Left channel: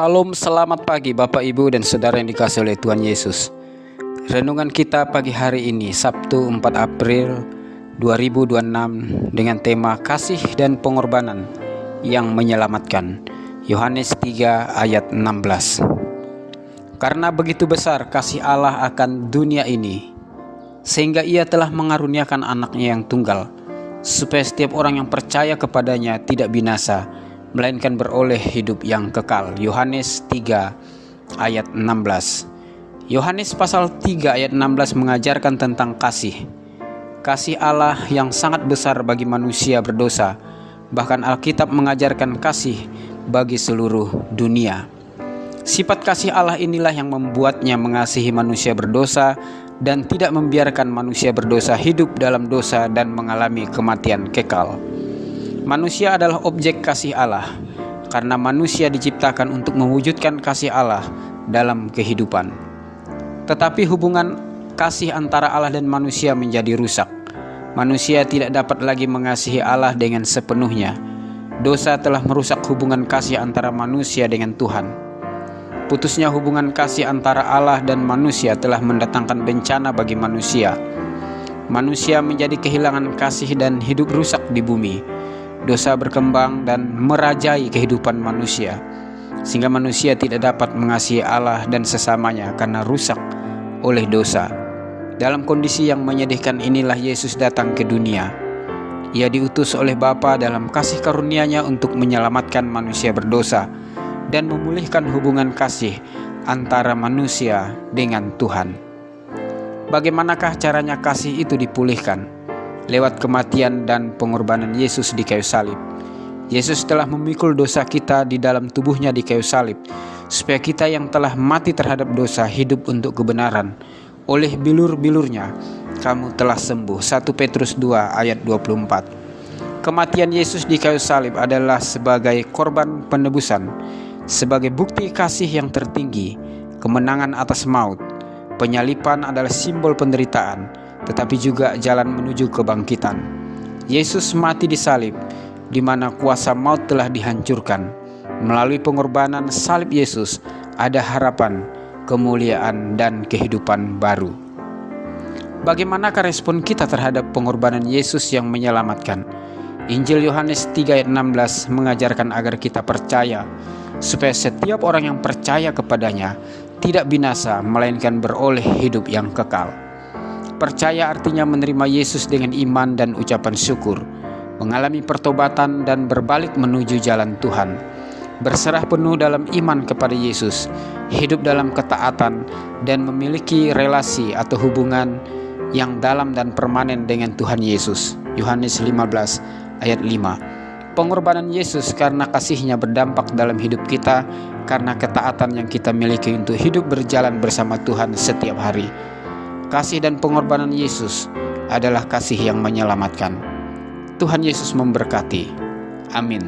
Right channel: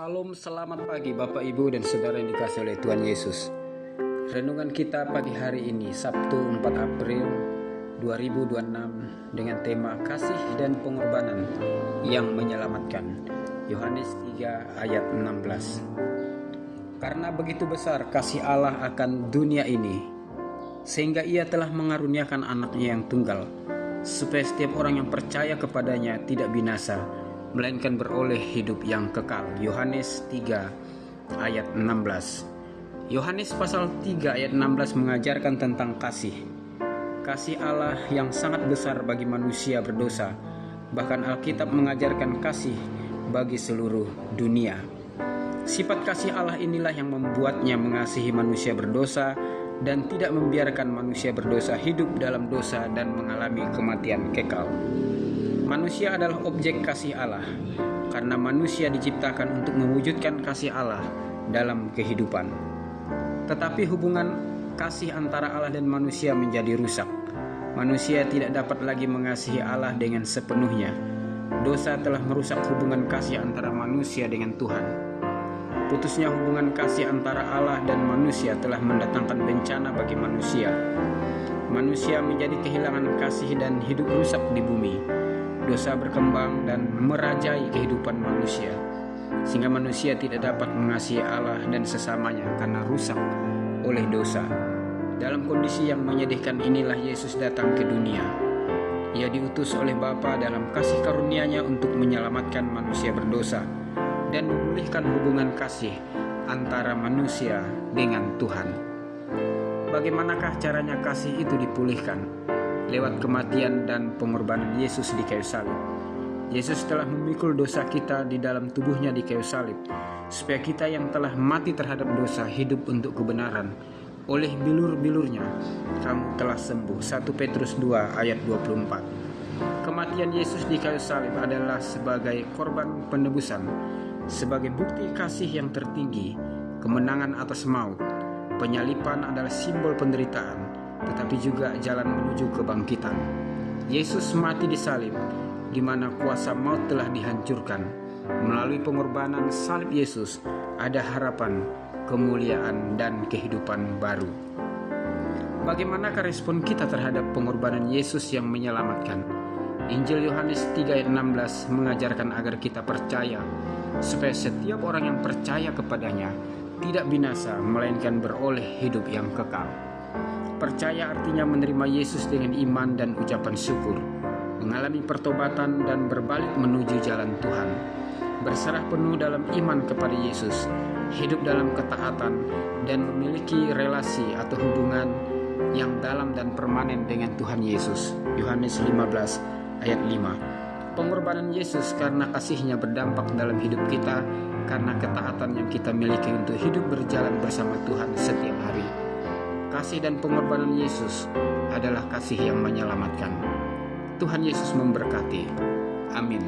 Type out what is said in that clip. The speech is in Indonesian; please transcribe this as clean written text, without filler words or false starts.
Salam, selamat pagi Bapak Ibu dan Saudara yang dikasihi oleh Tuhan Yesus. Renungan kita pagi hari ini Sabtu 4 April 2026 dengan tema kasih dan pengorbanan yang menyelamatkan. Yohanes 3 ayat 16. Karena begitu besar kasih Allah akan dunia ini, sehingga Ia telah mengaruniakan anaknya yang tunggal, supaya setiap orang yang percaya kepadanya tidak binasa, melainkan beroleh hidup yang kekal. Yohanes 3 ayat 16. Yohanes pasal 3 ayat 16 mengajarkan tentang kasih. Kasih Allah yang sangat besar bagi manusia berdosa. Bahkan Alkitab mengajarkan kasih bagi seluruh dunia. Sifat kasih Allah inilah yang membuatnya mengasihi manusia berdosa dan tidak membiarkan manusia berdosa hidup dalam dosa dan mengalami kematian kekal. Manusia adalah objek kasih Allah, karena manusia diciptakan untuk mewujudkan kasih Allah dalam kehidupan. Tetapi hubungan kasih antara Allah dan manusia menjadi rusak. Manusia tidak dapat lagi mengasihi Allah dengan sepenuhnya. Dosa telah merusak hubungan kasih antara manusia dengan Tuhan. Putusnya hubungan kasih antara Allah dan manusia telah mendatangkan bencana bagi manusia. Manusia menjadi kehilangan kasih dan hidup rusak di bumi. Dosa berkembang dan merajai kehidupan manusia, sehingga manusia tidak dapat mengasihi Allah dan sesamanya karena rusak oleh dosa. Dalam kondisi yang menyedihkan inilah Yesus datang ke dunia. Ia diutus oleh Bapa dalam kasih karunia-Nya untuk menyelamatkan manusia berdosa dan memulihkan hubungan kasih antara manusia dengan Tuhan. Bagaimanakah caranya kasih itu dipulihkan? Lewat kematian dan pengorbanan Yesus di kayu salib. Yesus telah memikul dosa kita di dalam tubuhnya di kayu salib, supaya kita yang telah mati terhadap dosa hidup untuk kebenaran. Oleh bilur-bilurnya kamu telah sembuh. 1 Petrus 2 ayat 24. Kematian Yesus di kayu salib adalah sebagai korban penebusan, sebagai bukti kasih yang tertinggi, kemenangan atas maut. Penyalipan adalah simbol penderitaan, tetapi juga jalan menuju kebangkitan. Yesus mati di salib, di mana kuasa maut telah dihancurkan. Melalui pengorbanan salib Yesus, ada harapan, kemuliaan, dan kehidupan baru. Bagaimanakah respon kita terhadap pengorbanan Yesus yang menyelamatkan? Injil Yohanes 3 ayat 16 mengajarkan agar kita percaya, supaya setiap orang yang percaya kepadanya tidak binasa, melainkan beroleh hidup yang kekal. Percaya artinya menerima Yesus dengan iman dan ucapan syukur, mengalami pertobatan dan berbalik menuju jalan Tuhan, berserah penuh dalam iman kepada Yesus, hidup dalam ketaatan, dan memiliki relasi atau hubungan yang dalam dan permanen dengan Tuhan Yesus. Yohanes 15 ayat 5. Pengorbanan Yesus karena kasih-Nya berdampak dalam hidup kita karena ketaatan yang kita miliki untuk hidup berjalan bersama Tuhan setiap hari. Kasih dan pengorbanan Yesus adalah kasih yang menyelamatkan. Tuhan Yesus memberkati. Amin.